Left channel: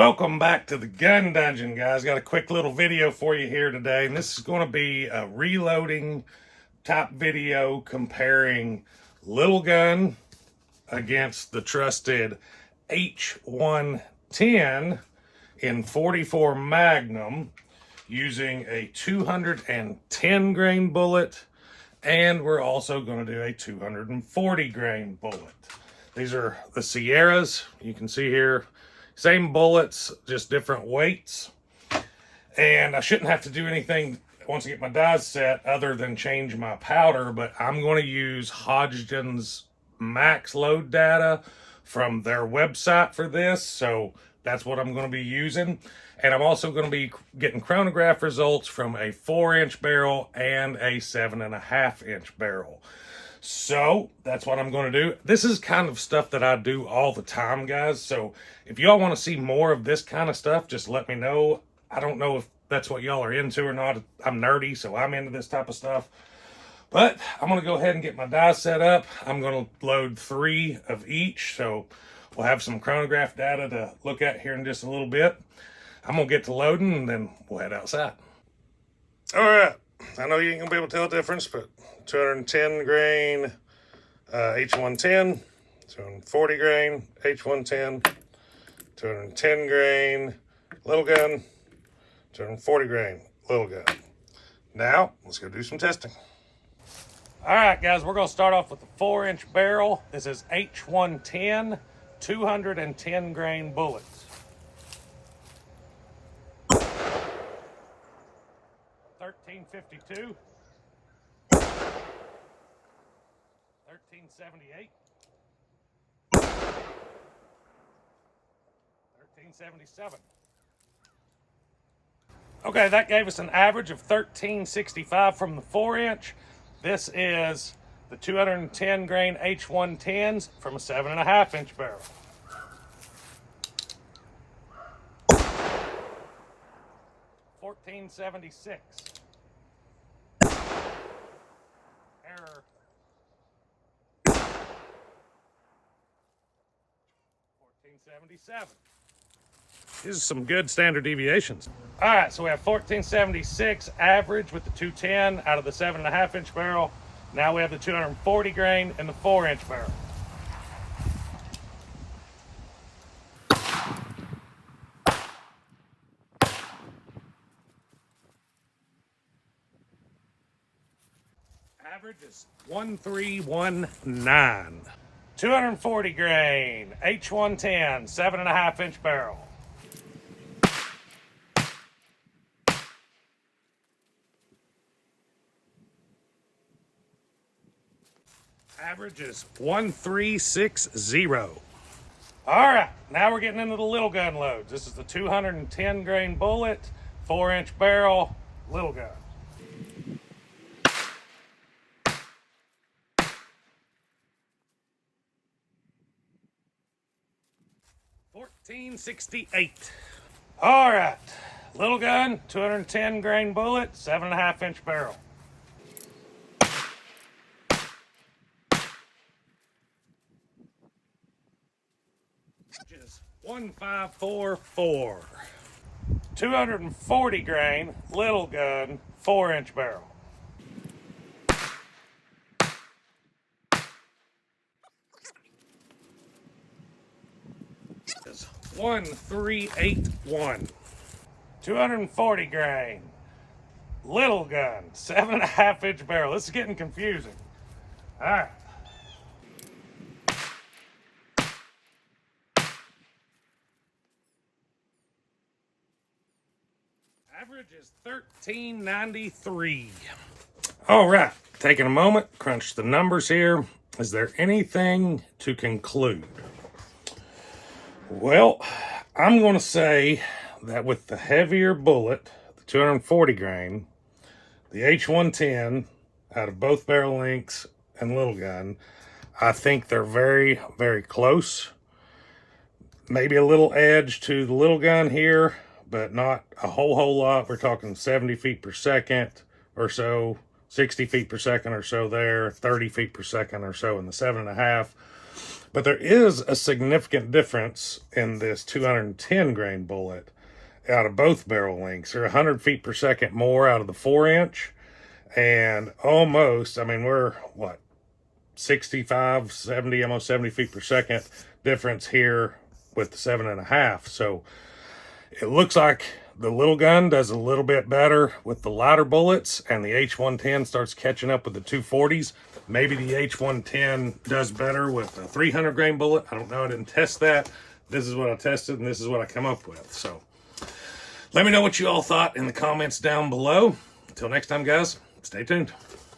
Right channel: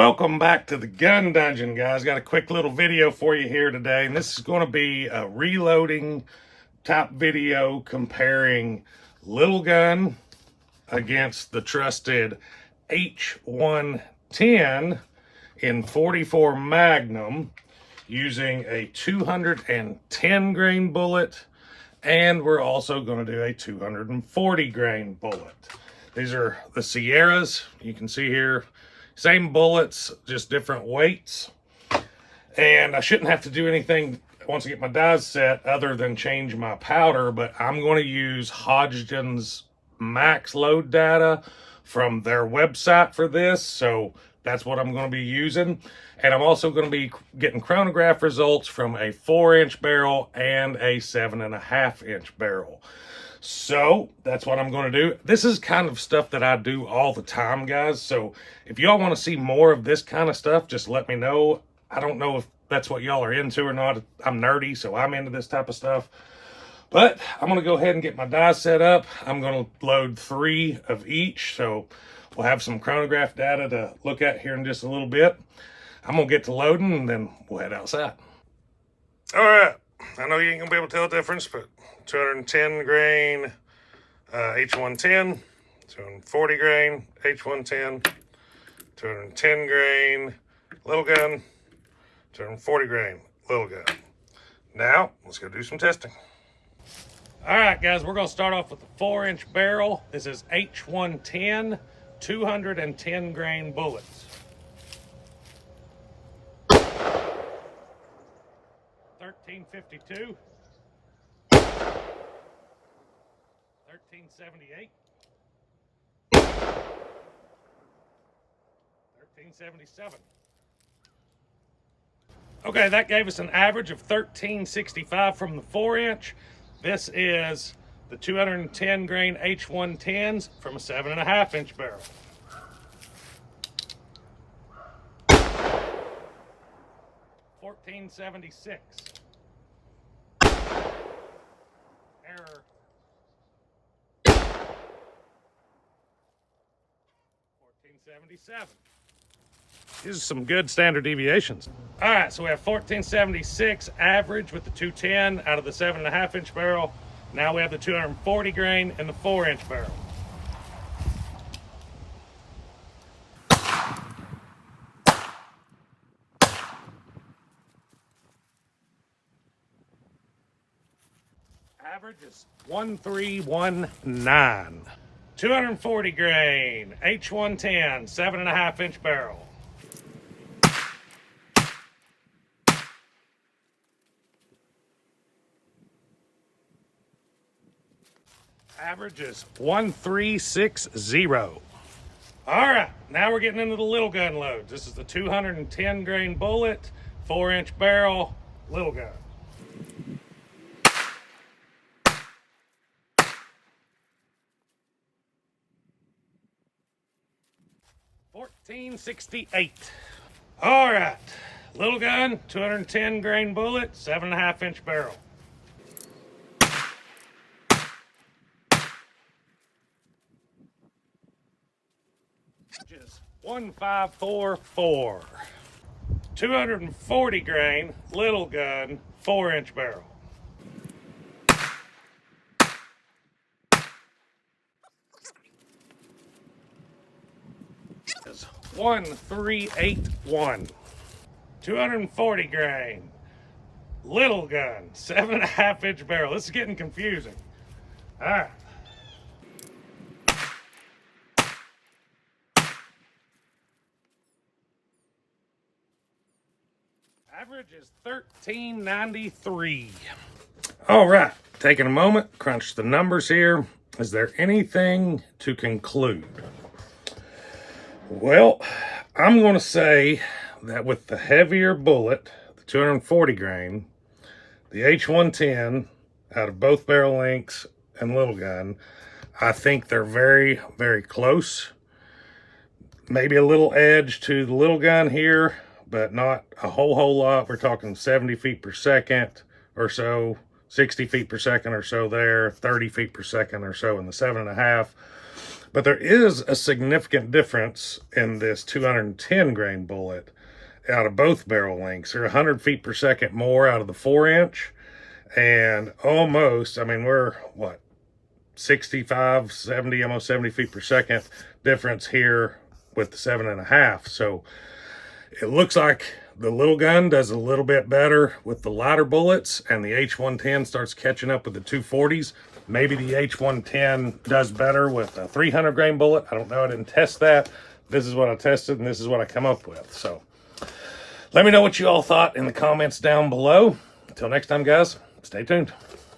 Welcome back to the gun dungeon, guys. Got a quick little video for you here today, and this is going to be a reloading type video comparing Lil Gun against the trusted H110 in 44 Magnum using a 210 grain bullet, and we're also going to do a 240 grain bullet. These are the Sierras. You can see here, same bullets, just different weights. And I shouldn't have to do anything once I get my dies set other than change my powder, but I'm going to use Hodgdon's max load data from their website for this. So that's what I'm going to be using. And I'm also going to be getting chronograph results from a 4-inch barrel and a 7.5-inch barrel. So that's what I'm going to do. This is kind of stuff that I do all the time, guys. So if y'all want to see more of this kind of stuff, just let me know. I don't know if that's what y'all are into or not. I'm nerdy, so I'm into this type of stuff. But I'm going to go ahead and get my dies set up. I'm going to load 3 of each. So we'll have some chronograph data to look at here in just a little bit. I'm going to get to loading, and then we'll head outside. All right. I know you ain't going to be able to tell the difference, but 210 grain H110, 240 grain H110, 210 grain Lil Gun, 240 grain Lil Gun. Now, let's go do some testing. All right, guys, we're going to start off with the 4-inch barrel. This is H110, 210 grain bullets. 1352. 1378, 1377. Okay, that gave us an average of 1365 from the 4-inch. This is the 210 grain H110s from a 7.5-inch barrel. $14.76. Error. 1477. These are some good standard deviations. All right, so we have 1476 average with the 210 out of the 7.5-inch barrel. Now we have the 240 grain in the 4-inch barrel. Average is 1319. 240 grain, H110, 7.5-inch barrel. Average is 1360. All right, now we're getting into the Lil Gun loads. This is the 210 grain bullet, 4-inch barrel, Lil Gun. $14.68. All right, Lil Gun, 210 grain bullet, 7.5-inch barrel. Just 1544. 240 grain Lil Gun, 4-inch barrel. Is 1381. 240 grain Lil Gun, 7.5-inch barrel. This is getting confusing. All right. Average is 1393. All right, taking a moment, crunch the numbers here. Is there anything to conclude? Well, I'm going to say that with the heavier bullet, the 240 grain, the H110 out of both barrel lengths and Lil Gun, I think they're very, very close. Maybe a little edge to the Lil Gun here, but not a whole lot. We're talking 70 feet per second or so, 60 feet per second or so there, 30 feet per second or so in the 7.5. But there is a significant difference in this 210 grain bullet out of both barrel lengths. They're 100 feet per second more out of the 4-inch, and almost, I mean, we're what, 65, 70, almost 70 feet per second difference here with the 7.5. So it looks like the Lil Gun does a little bit better with the lighter bullets, and the H110 starts catching up with the 240s. Maybe the H110 does better with a 300 grain bullet. I don't know. I didn't test that. This is what I tested, and this is what I come up with. So let me know what you all thought in the comments down below. Until next time, guys, stay tuned.